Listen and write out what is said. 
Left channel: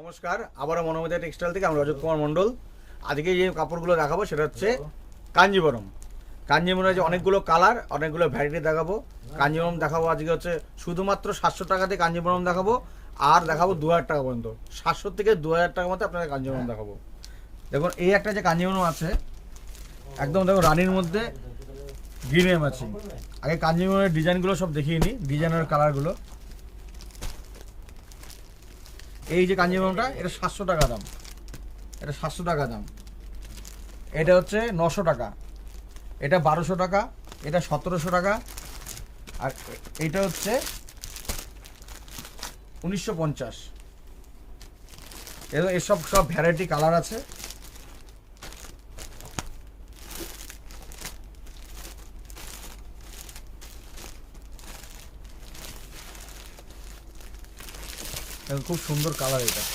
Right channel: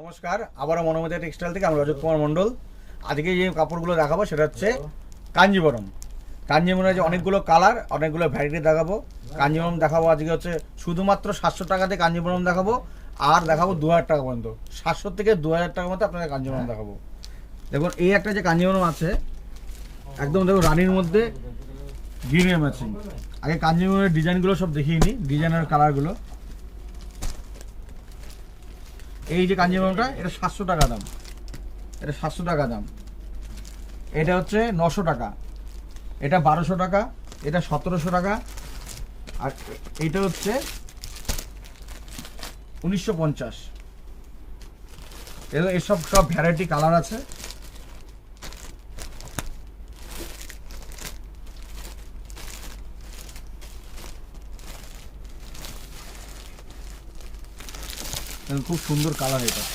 নমস্কার, আবারও মনোমিতা টেক্সটাইল থেকে আমি রজত কুমার মণ্ডল। আজকে যে কাপড়গুলো দেখাবো সেটা হচ্ছে কাঞ্জিবরম। কাঞ্জিবরমের যে অনেকগুলো কালার, অনেকগুলো ভ্যারাইটি দেখাবো। কাঞ্জিবরম দেখাবো আজকে হচ্ছে শুধুমাত্র 700 টাকাতে কাঞ্জিবরম দেখাবো, আর দেখাবো 2000 টাকা পর্যন্ত। 700 থেকে 2000 টাকার মধ্যে আপনাদের কাঞ্জিবরম দেখাবো। দেখুন এই একটা যে কাঞ্জিবরম আছে, একদম দেখুন রানীর মধ্যে গ্রিন ম্যাচিং। আগে কাঞ্জিবরমের ডিজাইনগুলো সব দেখিয়ে নিই, ডিজাইনের কালারগুলো। এই যে কাঞ্জিবরমটা, এটা 700 টাকা দাম, এটা 700 টাকা দাম। এটা হচ্ছে 900 টাকা, এটা 1200 টাকা, এটা 1700 টাকা, আর এইটা হচ্ছে 1950। এসব সব ভ্যারাইটি কালার আছে। খুব সুন্দর কালার এটা।